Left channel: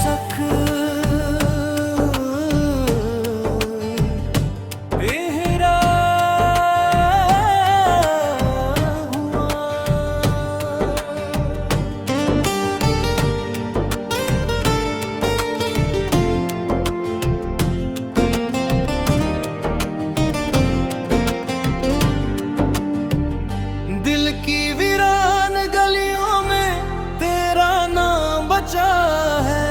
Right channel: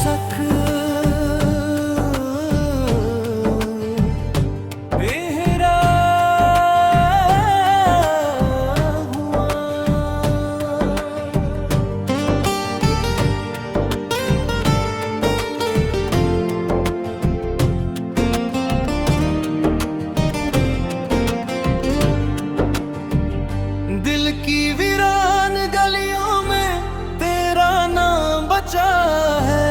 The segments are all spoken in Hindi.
बेसक बेहरा हुआ। दिल की वीरान गलियों में तेरा नाम बचा है,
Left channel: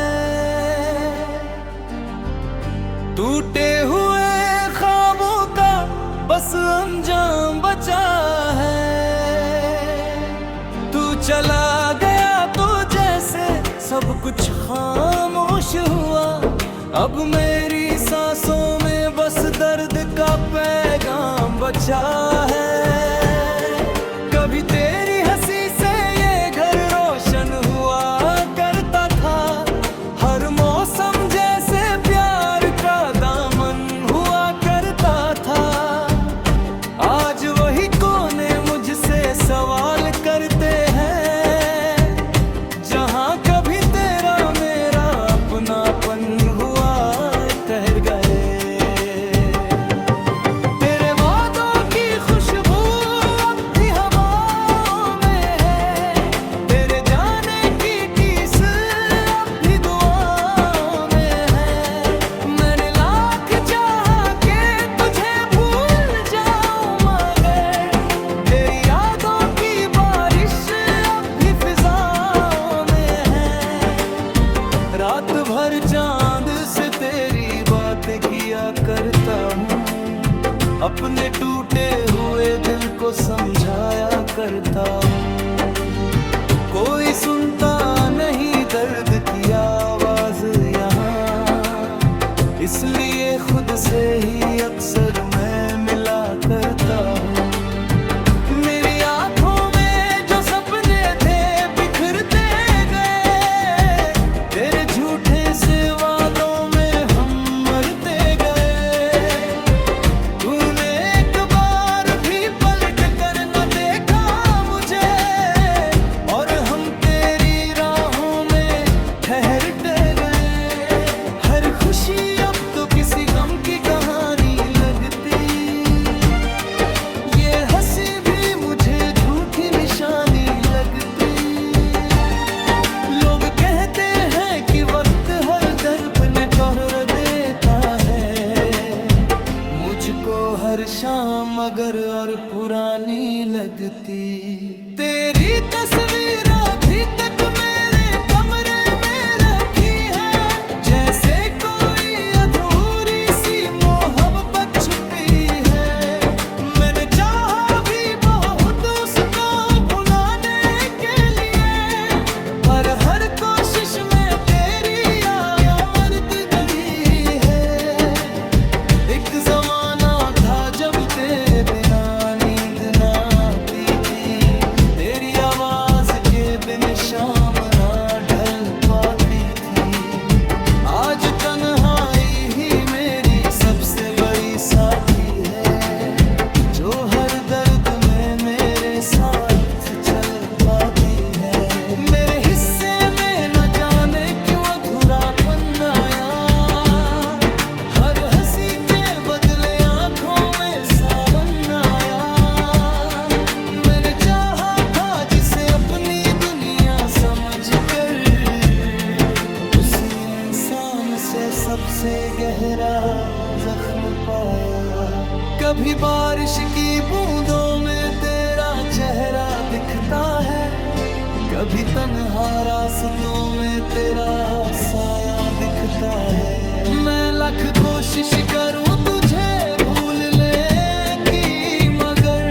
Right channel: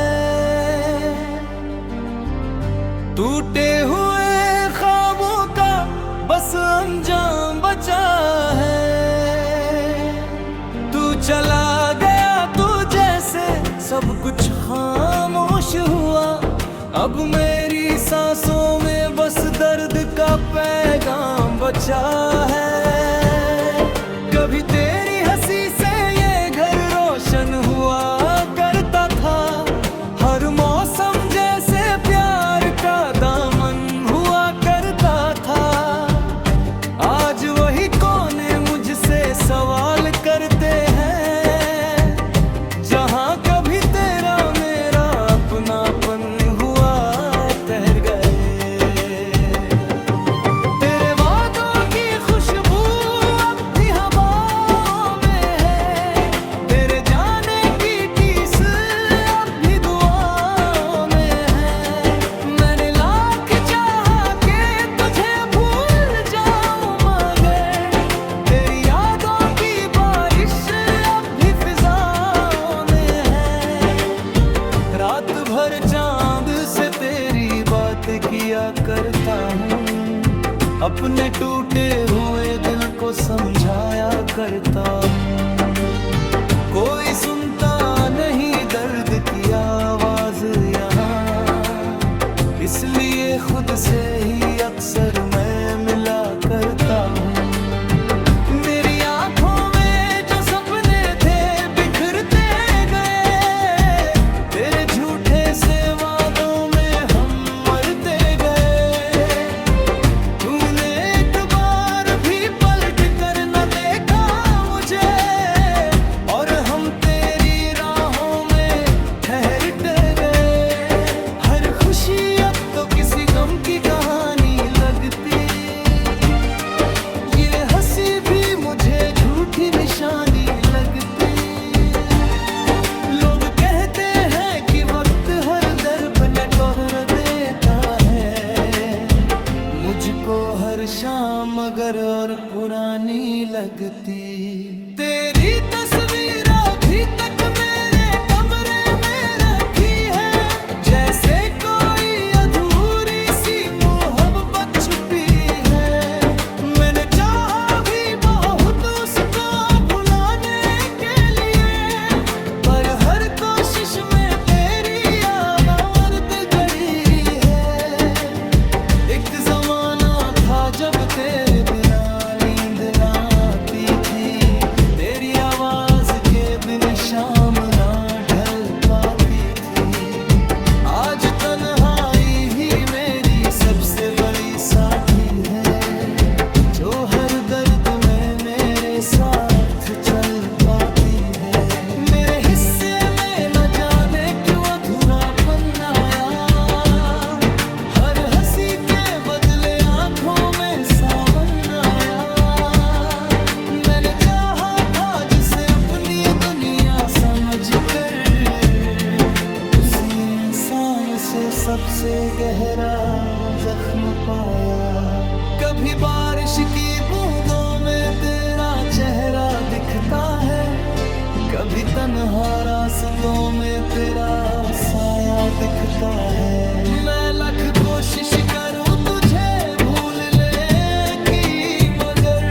टूटे हुए ख्वाबों का बस अंजाम बचा है। तू चला गया तो जैसे सब कुछ खामोश हुआ, अब मेरी सांसों में बस दर्द का पैगाम बचा है। कभी तेरी हंसी से ये घर रोशन हुआ करता था, हर मौसम जैसे प्यार का दामन हुआ करता था। आज वही कोने मुझसे सवाल करते हैं, जहां कभी तेरा मेरा अपनापन हुआ ठहर गए। तेरे वादों की खुशबू अब भी हवाओं में है, तेरे जाने की टीस अब भी दुआओं में है। मैंने लाख चाहा के तुझे भूल जाऊं, मगर तेरी यादों की बारिश अब भी फिजाओं में है। रात भर चांद से तेरी बातें किया करता हूँ, अपने टूटे हुए दिल को समझाया करता हूँ। कोई सुनता नहीं दर्द की आवाज यहाँ, इसलिए खुद से ही अक्सर मैं मिला करता हूँ। मेरी आंखों में जो सपने थे बिखरते गए, तेरे झूठे से वादों में हम मरते गए। तूने एक बार भी पलट कर न देखा मुझे, और हम तेरी राहों में ठहरते गए। हर खुशी अब तो किसी गम की कहानी लगती, ये हंसी भी मुझे झूठी निशानी लगती। लोग कहते हैं कि वक्त हर दर्द ने तोड़ देता है, मुझको हर शाम मगर और पुरानी लगती। तेरी तस्वीर अभी तक मेरे कमरे में रखी है, जैसे कोई अधूरी सी मोहब्बत छुपी है। मैंने चाहा भी बहुत उसको भुलाने के लिए, पर हर कोशिश में तेरी आमद गड़ी है। एक जमाना था जब तेरे बिना नींद ना आती थी, तेरी आवाज के बिन शाम ना ढल पाती थी। आज तन्हाई ही मेरी सबसे बड़ी साथी है, जो हर दर्द में मेरे साथ चल पाती है। मेरे हिस्से में न जाने क्यों अधूरापन आया, हर हंसी के बदले आंखों में सावन आया। मैंने चाहा था जिसे अपनी दुनिया समझकर, उसी इंसान से सबसे गहरा जख्म पाया। कभी बारिश की बूंदों में तेरा चेहरा दिखता है, कभी तन्हा रास्तों में तेरा साया दिखता है। मैं लाख कोशिश करूं तुझे भूलने की, मगर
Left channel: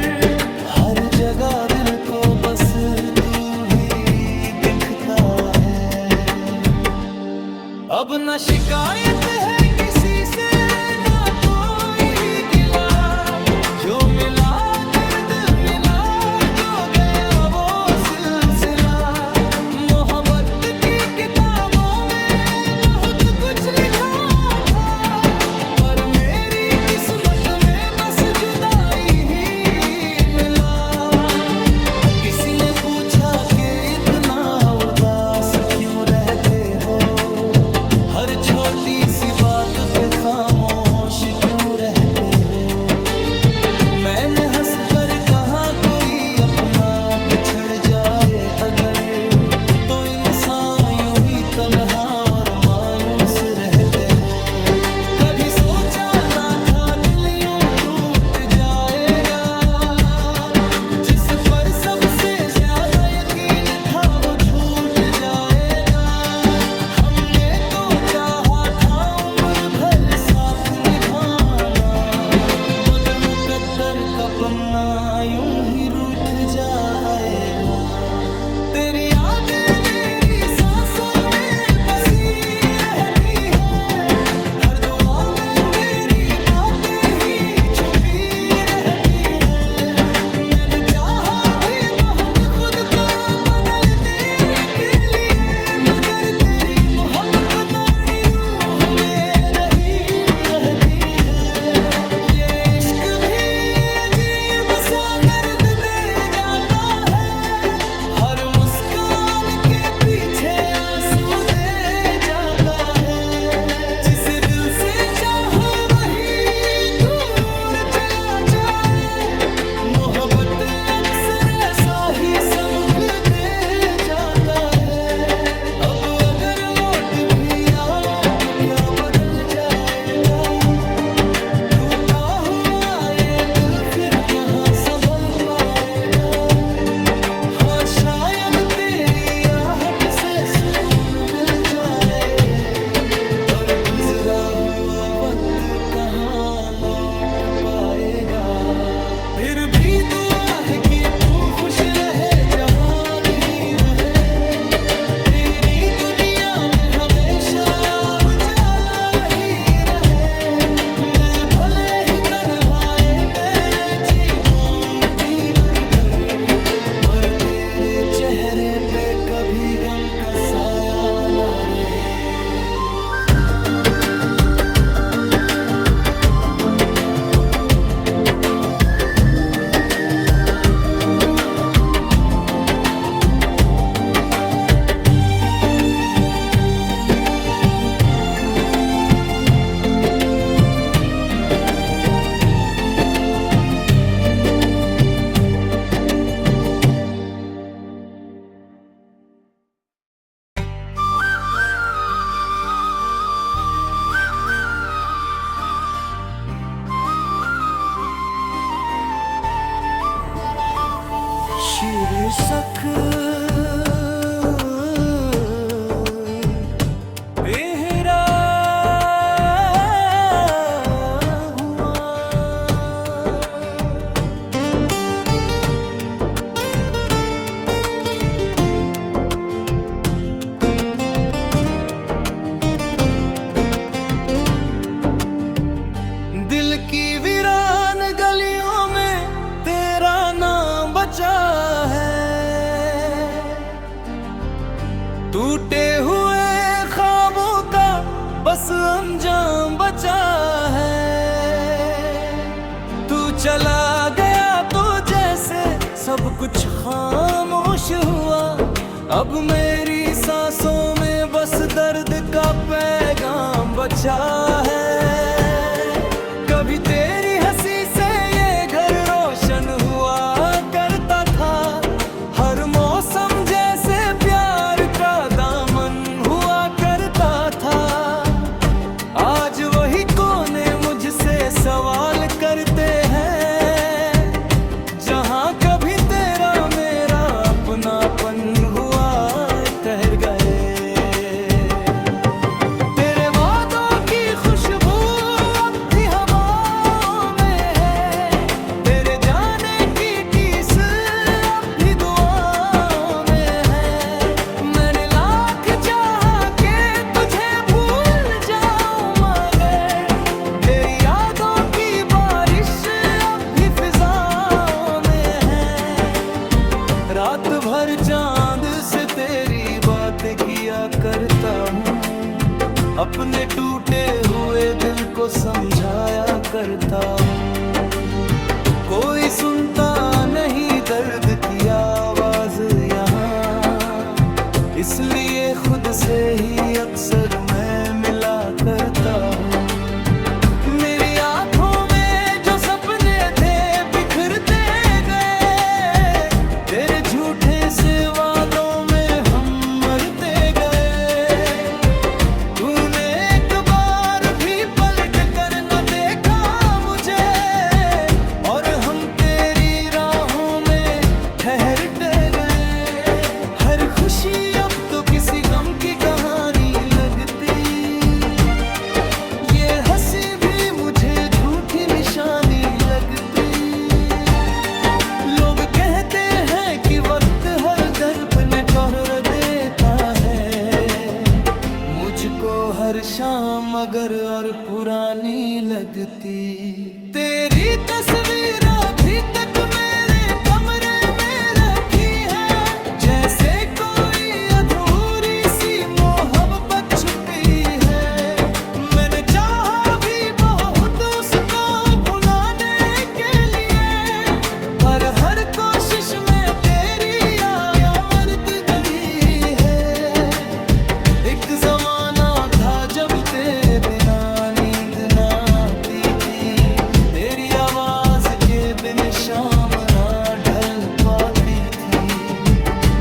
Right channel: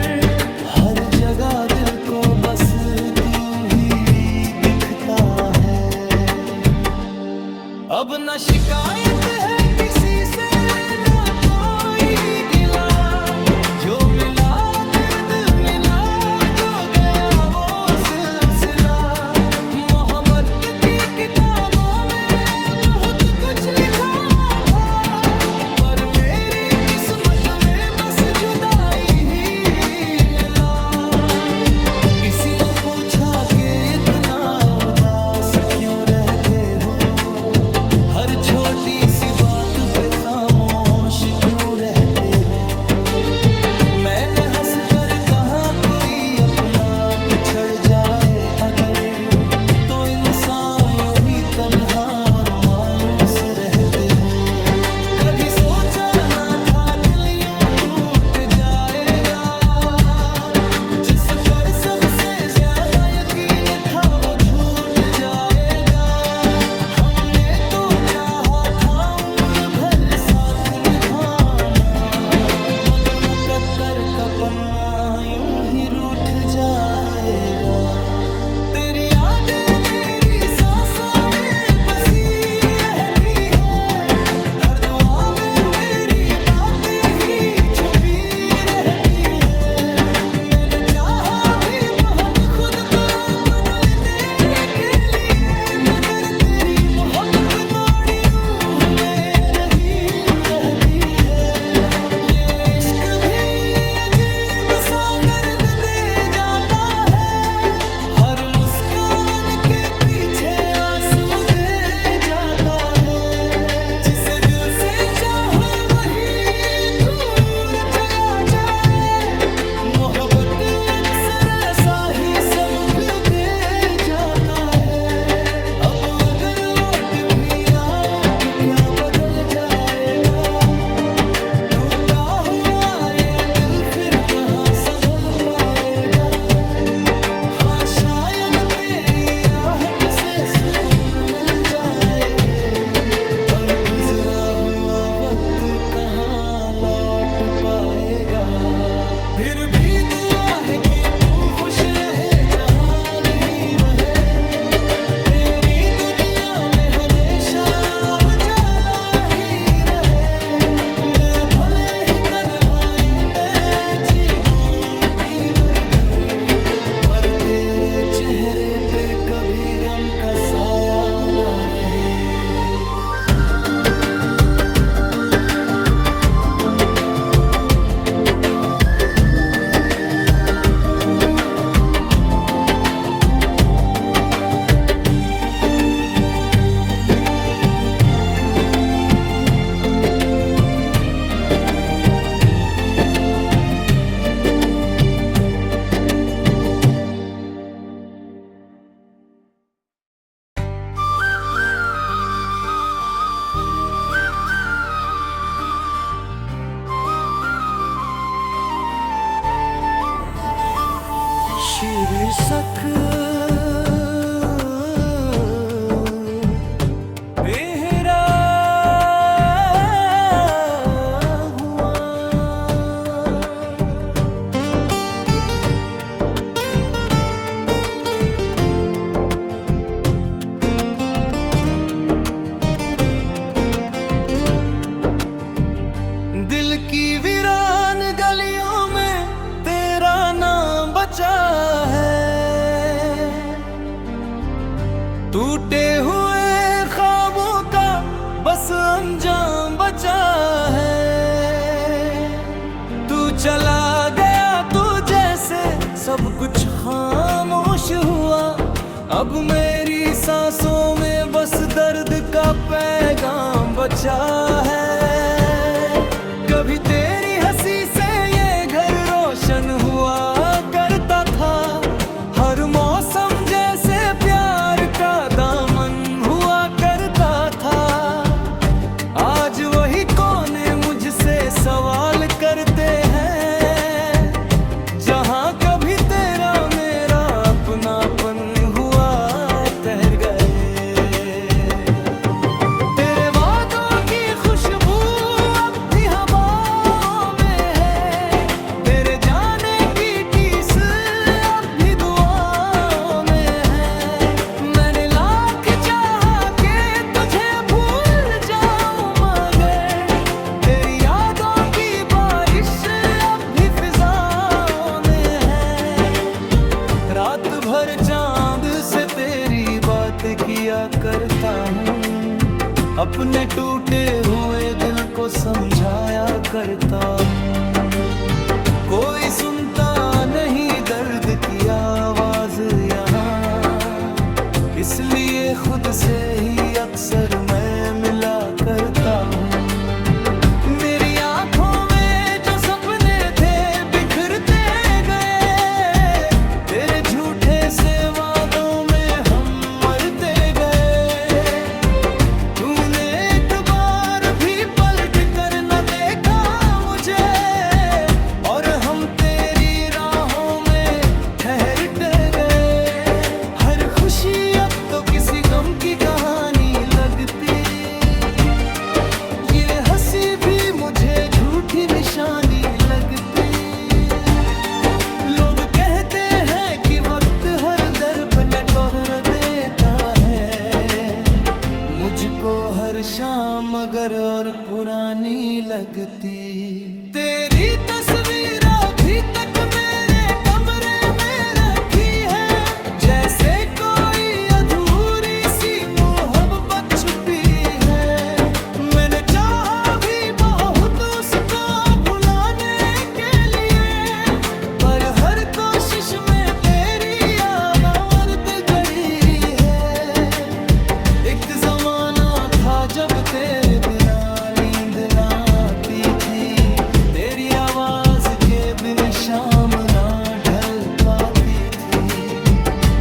हर जगह दिल को बस तू ही दिखता है। अब न शिकायत है किसी से, ना कोई गिला, जो मिला दर्द मिला, जो गया वो सिलसिला। मोहब्बत की किताबों में बहुत कुछ लिखा था, पर मेरी किस्मत में बस जुदाई ही मिला। किसी ने पूछा कि इतना उदास क्यों रहते हो, हर छोटी सी बात पे खामोश क्यों रहते हो। मैंने हंस कर कहा कोई अपना बिछड़ जाए अगर, तो इंसान यूं ही तन्हा और मायूस रहते हो। कभी सोचा ना था दिल यूं टूट जाएगा, जिस पर सबसे ज्यादा यकीन था वो छूट जाएगा। हमने तो चाहा था उम्र भर साथ निभाना, मगर मुकद्दर का पन्ना यूं ही रूठ जाएगा। तेरी यादें मेरी सांसों में बसी रहती है, हर दुआ में तेरी बातें ही छुपी रहती है। मैंने चाहा भी बहुत खुद को बदलने के लिए, मगर तेरी मोहब्बत नाड़ी रूह में रही रहती है। ये इश्क भी अजीब सा दर्द दे जाता है, हर मुस्कान के पीछे आंसू दे जाता है। जिसे दिल से चाहो वही दूर चला जाए, मोहब्बत अक्सर ऐसा ही सबक दे जाता है। अब अगर लौट भी आओ तो क्या बदल जाएगा, टूटा हुआ ये दिल फिर कहाँ संभल पाएगा। हाँ शायद तेरी आहट से सुकून मिल जाए, पर गुजरा हुआ वक्त कहाँ लौट पाएगा। फिर भी दुआ है कि तू खुश रहे जहाँ भी रहे, तेरी दुनिया में हमेशा उजाला ही रहे। मैं भले ही तन्हाई में जीऊं मर भर, पर तेरे चेहरे पे कभी गम का साया न रहे। शीर्षक बेहरा हुआ। दिल की वीरान गलियों में तेरा नाम बचा है, टूटे हुए ख्वाबों का बस अंजाम बचा है। तू चला गया तो जैसे सब कुछ खामोश हुआ, अब मेरी सांसों में बस दर्द का पैगाम बचा है। कभी तेरी हंसी से ये घर रोशन हुआ करता था, हर मौसम जैसे प्यार का दामन हुआ करता था। आज वही कोने मुझसे सवाल करते हैं, जहाँ कभी तेरा मेरा अपनापन हुआ ठहर गए। तेरे वादों की खुशबू अब भी हवाओं में है, तेरे जाने की टीस अब भी दुआओं में है। मैंने लाख चाहा के तुझे भूल जाऊं, मगर तेरी यादों की बारिश अब भी फिजाओं में है। रात भर चांद से तेरी बातें किया करता हूँ, अपने टूटे हुए दिल को समझाया करता हूँ। कोई सुनता नहीं दर्द की आवाज यहाँ, इसलिए खुद से ही अक्सर मैं मिला करता हूँ। मेरी आंखों में जो सपने थे बिखरते गए, तेरे झूठे से वादों में हम मरते गए। तूने एक बार भी पलट कर न देखा मुझे, और हम तेरी राहों में ठहरते गए। हर खुशी अब तो किसी गम की कहानी लगती, ये हंसी भी मुझे झूठी निशानी लगती। लोग कहते हैं कि वक्त हर दर्द में तोहर देता है, मुझको हर शाम मगर और पुरानी लगती। तेरी तस्वीर अभी तक मेरे कमरे में रखी है, जैसे कोई अधूरी सी मोहब्बत छुपी है। मैंने चाहा भी बहुत उसको भुलाने के लिए, पर हर कोशिश में तेरी याद गई है। एक जमाना था जब तेरे बिना नींद ना आती थी, तेरी आवाज के बिन शाम ना ढल पाती थी।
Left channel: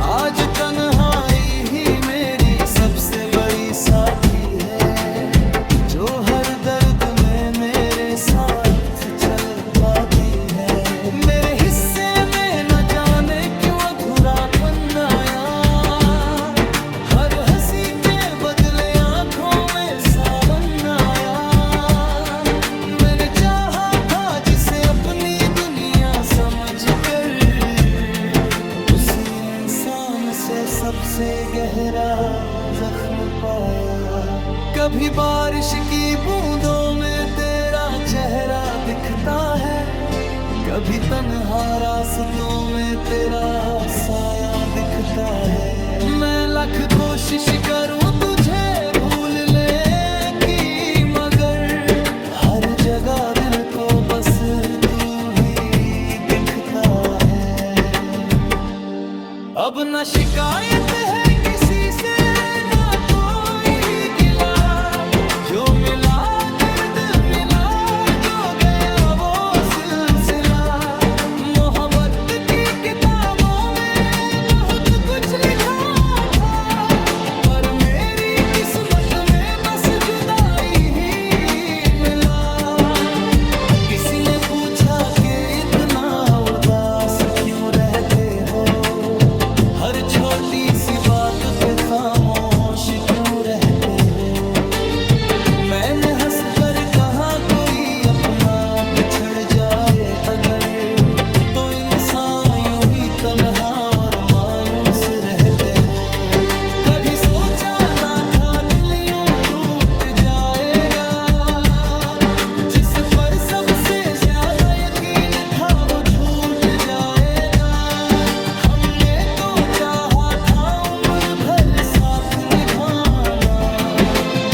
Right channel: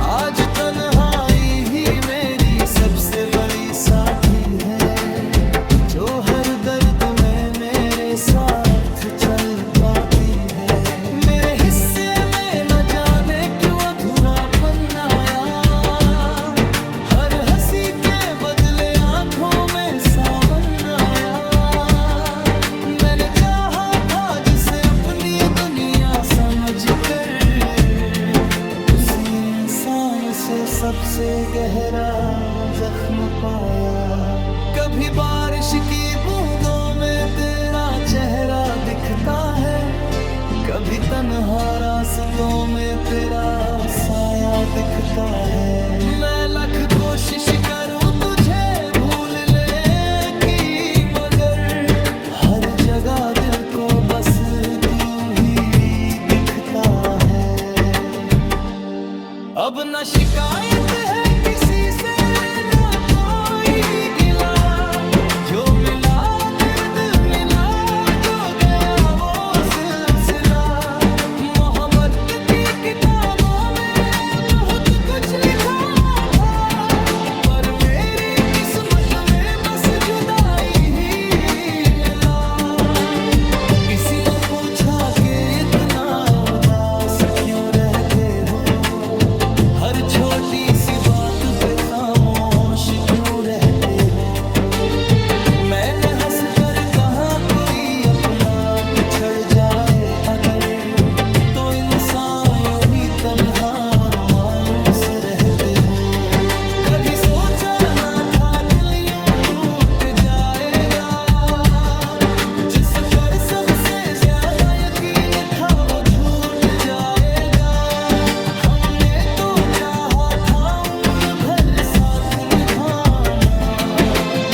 आज तन्हाई ही मेरी सबसे बड़ी साथी है, जो हर दर्द में मेरे साथ चल पाती है। मेरे हिस्से में न जाने क्यों अधूरापन आया, हर हंसी के बदले आंखों में सावन आया। मैंने चाहा था जिसे अपनी दुनिया समझकर, उसी इंसान से सबसे गहरा जख्म पाया। कभी बारिश की बूंदों में तेरा चेहरा दिखता है, कभी तन्हा रास्तों में तेरा साया दिखता है। मैं लाख कोशिश करूं तुझे भूलने की, मगर हर जगह दिल को बस तू ही दिखता है। अब न शिकायत है किसी से, ना कोई गिला, जो मिला दर्द मिला, जो गया वो सिलसिला। मोहब्बत की किताबों में बहुत कुछ लिखा था, पर मेरी किस्मत में बस जुदाई ही मिला। किसी ने पूछा कि इतना उदास क्यों रहते हो, हर छोटी सी बात पे खामोश क्यों रहते हो। मैंने हंस कर कहा कोई अपना बिछड़ जाए अगर, तो इंसान यूं ही तन्हा और मायूस रहते हो। कभी सोचा ना था दिल यूं टूट जाएगा, जिस पर सबसे ज्यादा यकीन था वो छूट जाएगा। हमने तो चाहा था उम्र भर साथ निभाना,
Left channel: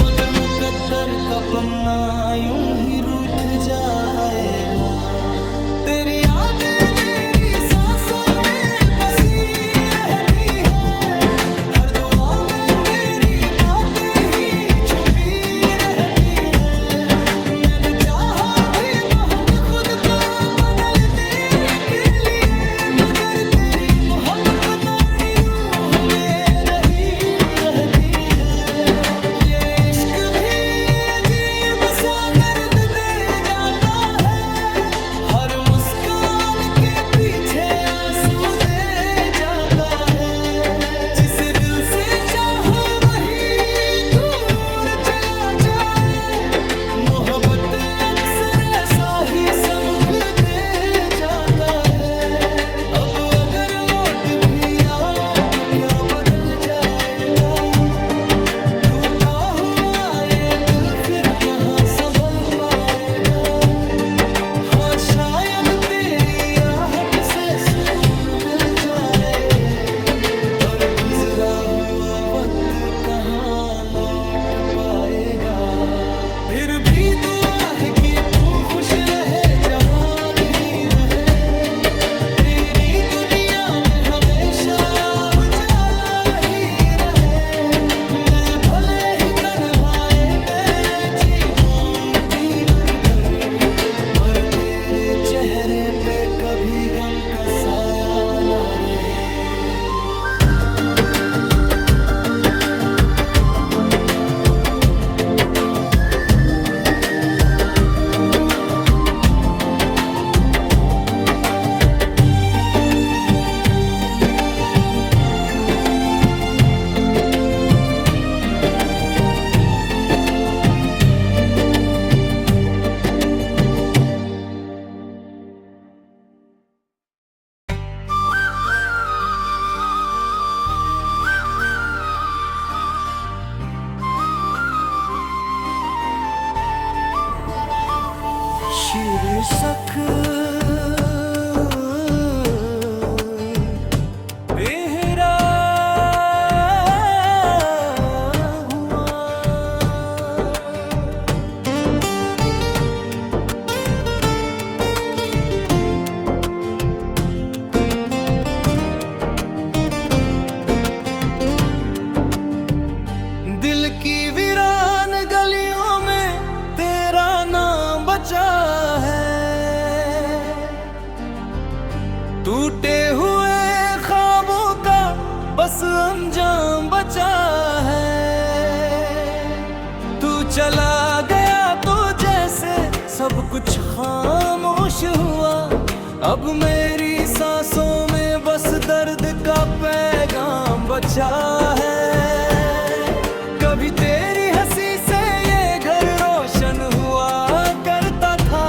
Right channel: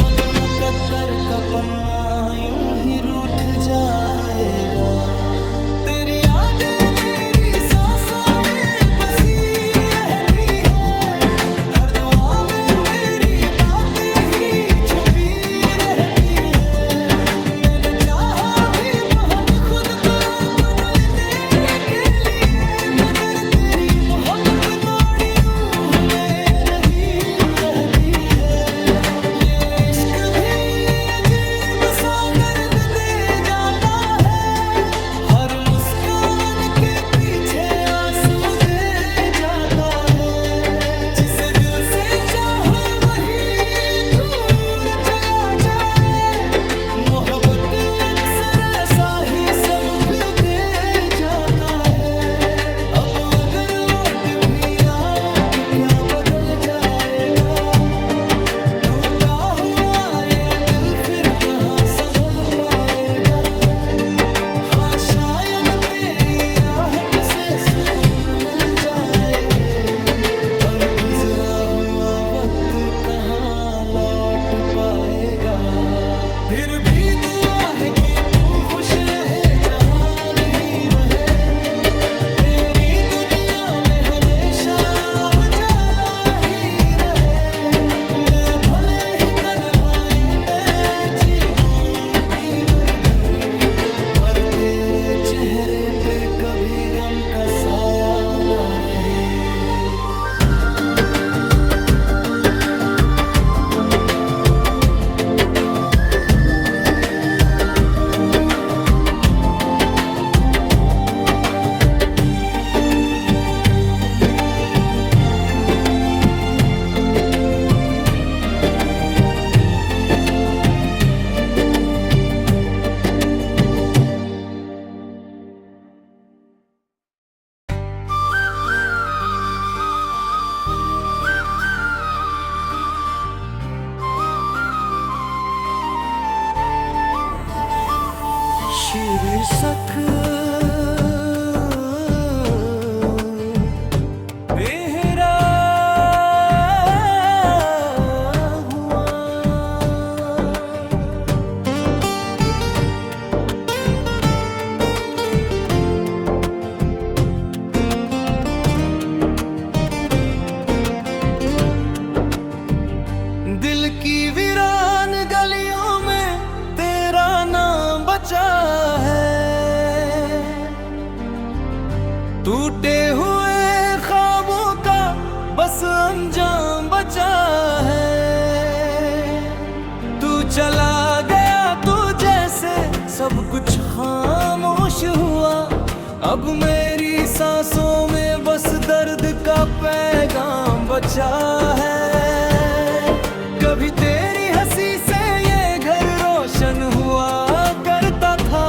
मगर मुकद्दर का पन्ना यूं ही रूठ जाएगा। तेरी यादें मेरी सांसों में बसी रहती है, हर दुआ में तेरी बातें ही छुपी रहती है। मैंने चाहा भी बहुत खुद को बदलने के लिए, मगर तेरी मोहब्बत नाड़ी रूह में रही रहती है। ये इश्क भी अजीब सा दर्द दे जाता है, हर मुस्कान के पीछे आंसू दे जाता है। जिसे दिल से चाहो वही दूर चला जाए, मोहब्बत अक्सर ऐसा ही सबक दे जाता है। अब अगर लौट भी आओ तो क्या बदल जाएगा, टूटा हुआ ये दिल फिर कहाँ संभल पाएगा। हाँ शायद तेरी आहट से सुकून मिल जाए, पर गुजरा हुआ वक्त कहाँ लौट पाएगा। फिर भी दुआ है कि तू खुश रहे, जहां ही रहे, तेरी दुनिया में हमेशा उजाला ही रहे। चेहरे पे कभी गम का साया न रहे। शीर्षक बेहरा हुआ। दिल की वीरान गलियों में तेरा नाम बचा है, टूटे हुए ख्वाबों का बस अंजाम बचा है। तू चला गया तो जैसे सब कुछ खामोश हुआ, अब मेरी सांसों में बस दर्द का पैगाम बचा है। कभी तेरी हंसी से ये घर रोशन हुआ करता था,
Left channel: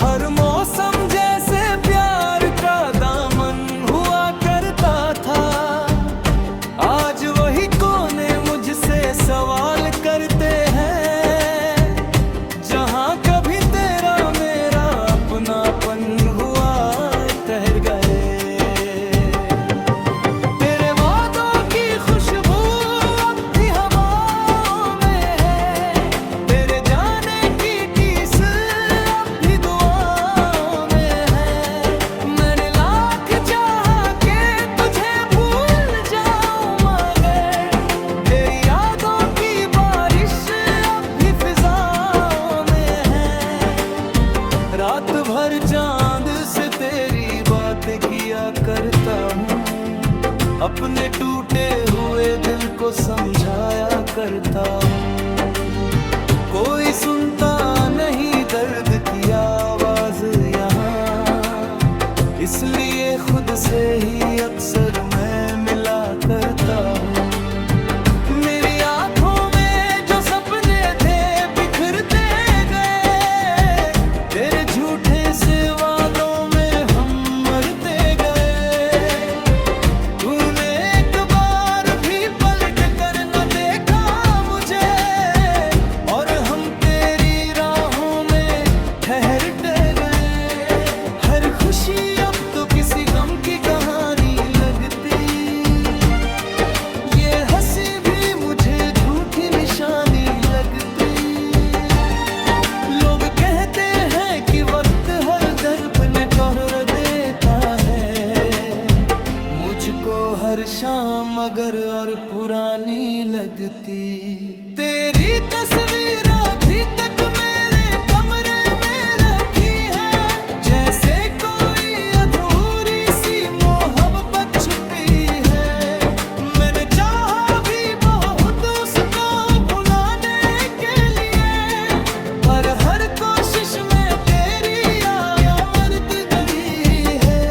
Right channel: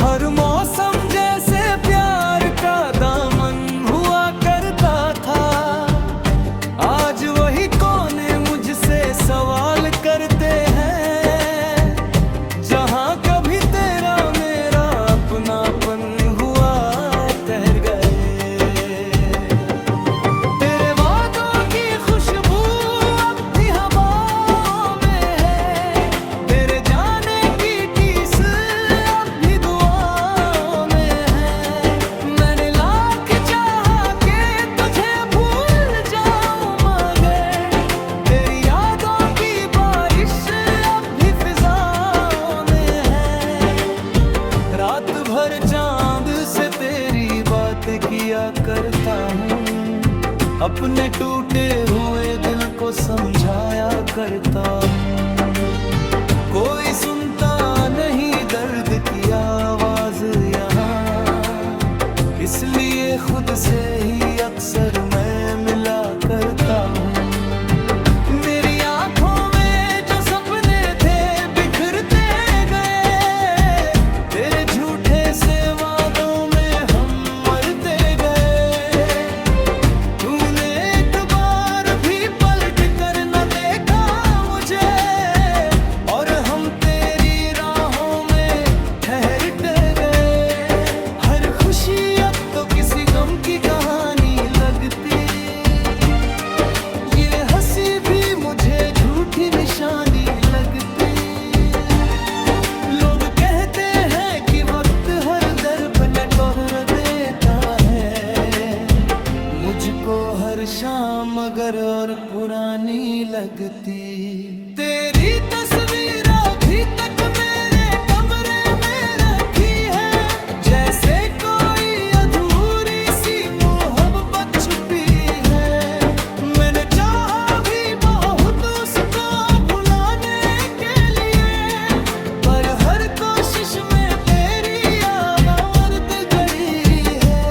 हर मौसम जैसे प्यार का दामन हुआ करता था। आज वही कोने मुझसे सवाल करते हैं, जहां कभी तेरा मेरा अपनापन हुआ ठहर गए। तेरे वादों की खुशबू अब भी हवाओं में है, तेरे जाने की टीस अब भी दुआओं में है। मैंने लाख चाहा के तुझे भूल जाऊं, मगर तेरी यादों की बारिश अब भी फिजाओं में है। रात भर चांद से तेरी बातें किया करता हूँ, अपने टूटे हुए दिल को समझाया करता हूँ। कोई सुनता नहीं दर्द की आवाज यहाँ, इसलिए खुद से ही अक्सर मैं मिला करता हूँ। मेरी आंखों में जो सपने थे बिखरते गए, तेरे झूठे से वादों में हम मरते गए। तूने एक बार भी पलट कर न देखा मुझे, और हम तेरी राहों में ठहरते गए। हर खुशी अब तो किसी गम की कहानी लगती, ये हंसी भी मुझे झूठी निशानी लगती। लोग कहते हैं कि वक्त हर दर्द ने तोड़ देता है, मुझको हर शाम मगर और पुरानी लगती। तेरी तस्वीर अभी तक मेरे कमरे में रखी है, जैसे कोई अधूरी सी मोहब्बत छुपी है। मैंने चाहा भी बहुत उसको भुलाने के लिए, पर हर कोशिश में तेरी याद गड़ी है।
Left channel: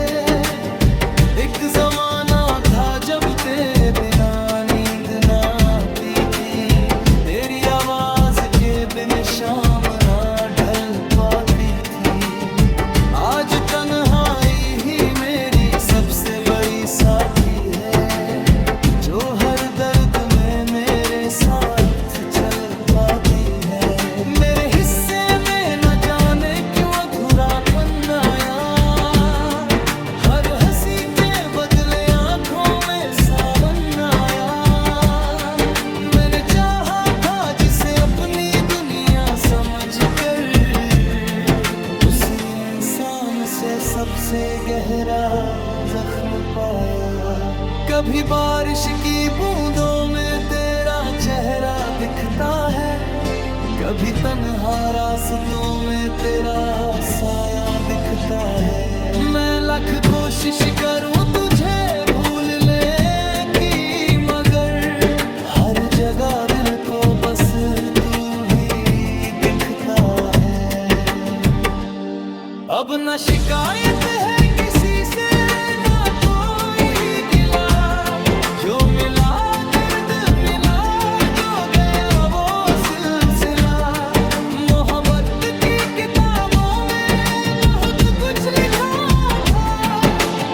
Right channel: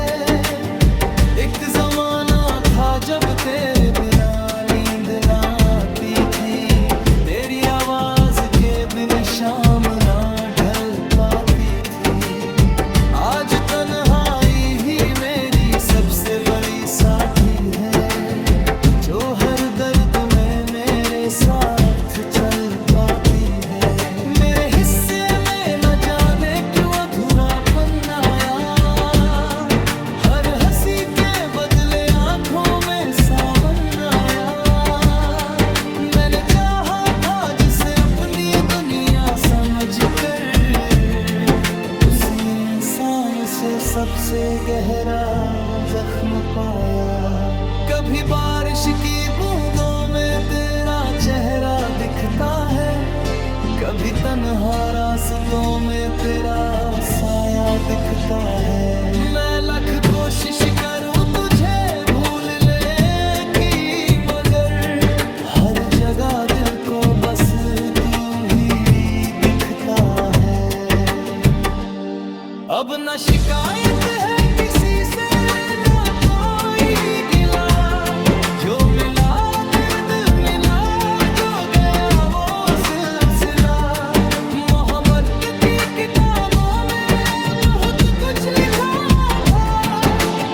एक जमाना था जब तेरे बिना नींद ना आती थी, तेरी आवाज के बिन शाम ना ढल पाती थी। आज तन्हाई ही मेरी सबसे बड़ी साथी है, जो हर दर्द में मेरे साथ चल पाती है। मेरे हिस्से में न जाने क्यों अधूरापन आया, हर हंसी के बदले आंखों में सावन आया। मैंने चाहा था जिसे अपनी दुनिया समझकर, उसी इंसान से सबसे गहरा जख्म पाया। कभी बारिश की बूंदों में तेरा चेहरा दिखता है, कभी तन्हा रास्तों में तेरा साया दिखता है। मैं लाख कोशिश करूं तुझे भूलने की, मगर हर जगह दिल को बस तू ही दिखता है। अब न शिकायत है किसी से, ना कोई गिला, जो मिला दर्द मिला, जो गया वो सिलसिला। मोहब्बत की किताबों में बहुत कुछ लिखा था,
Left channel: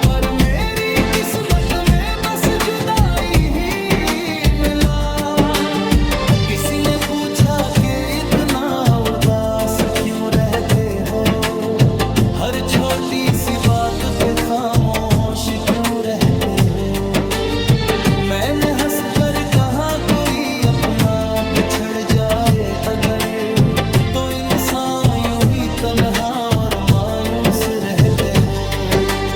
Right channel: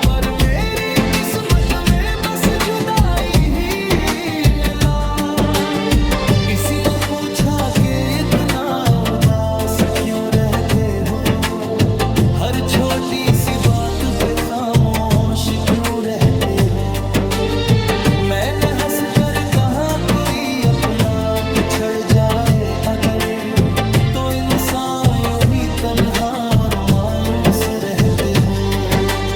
पर मेरी किस्मत में बस जुदाई ही मिला। किसी ने पूछा कि इतना उदास क्यों रहते हो, हर छोटी सी बात पे खामोश क्यों रहते हो। मैंने हंस कर कहा कोई अपना बिछड़ जाए अगर, तो इंसान यूं ही तन्हा और मायूस रहते हो।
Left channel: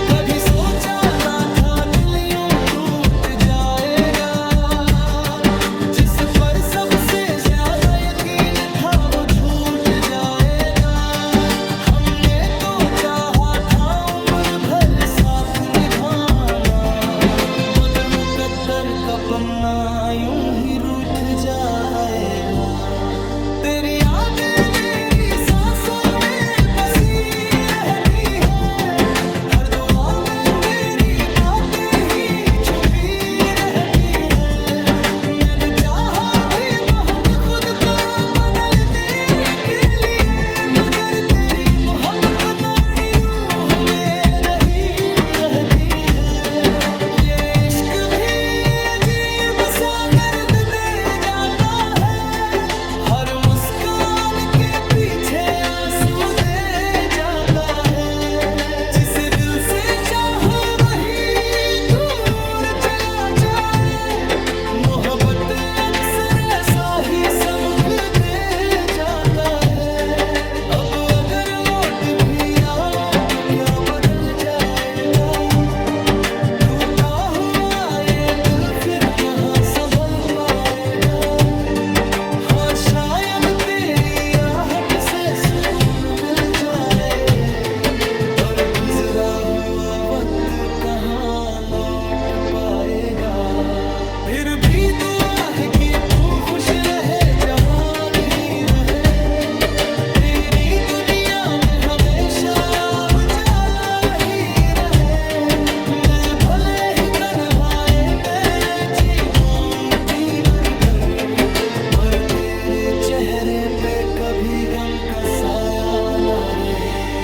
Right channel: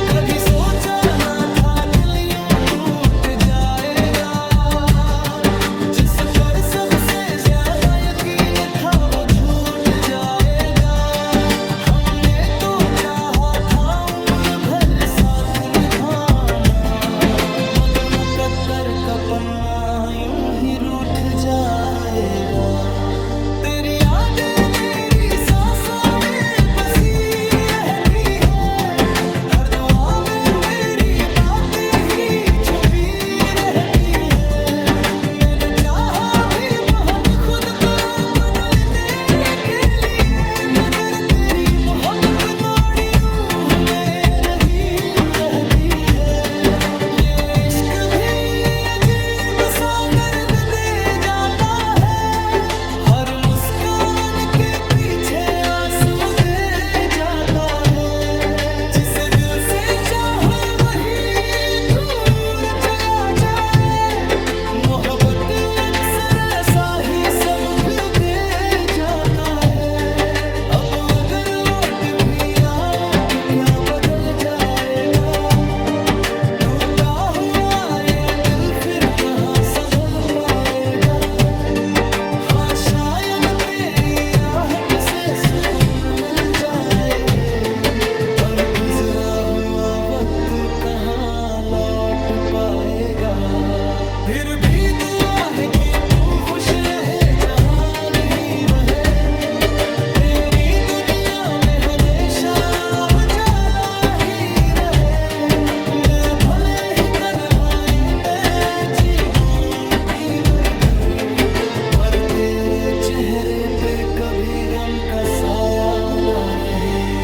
कभी सोचा ना था दिल यूं टूट जाएगा, जिस पर सबसे ज्यादा यकीन था वो छूट जाएगा। निभाना मगर मुकद्दर का पन्ना यूं ही रूठ जाएगा। तेरी यादें मेरी सांसों में बसी रहती है, हर दुआ में तेरी बातें ही छुपी रहती है। मैंने चाहा भी बहुत खुद को बदलने के लिए, मगर तेरी मोहब्बत नाड़ी रूह में रही रहती है। ये इश्क भी अजीब सा दर्द दे जाता है, हर मुस्कान के पीछे आंसू दे जाता है। जिसे दिल से चाहो वही दूर चला जाए, मोहब्बत अक्सर ऐसा ही सबक दे जाता है। अब अगर लौट भी आओ तो क्या बदल जाएगा, टूटा हुआ ये दिल फिर कहाँ संभल पाएगा। हाँ शायद तेरी आहट से सुकून मिल जाए, पर गुजरा हुआ वक्त कहाँ लौट पाएगा। फिर भी दुआ है कि तू खुश रहे, जहाँ ही रहे, तेरी दुनिया में हमेशा उजाला ही रहे। मैं भले ही तन्हाई में जीऊंगी मर-भर, पर तेरे चेहरे पे कभी गम का साया न रहे।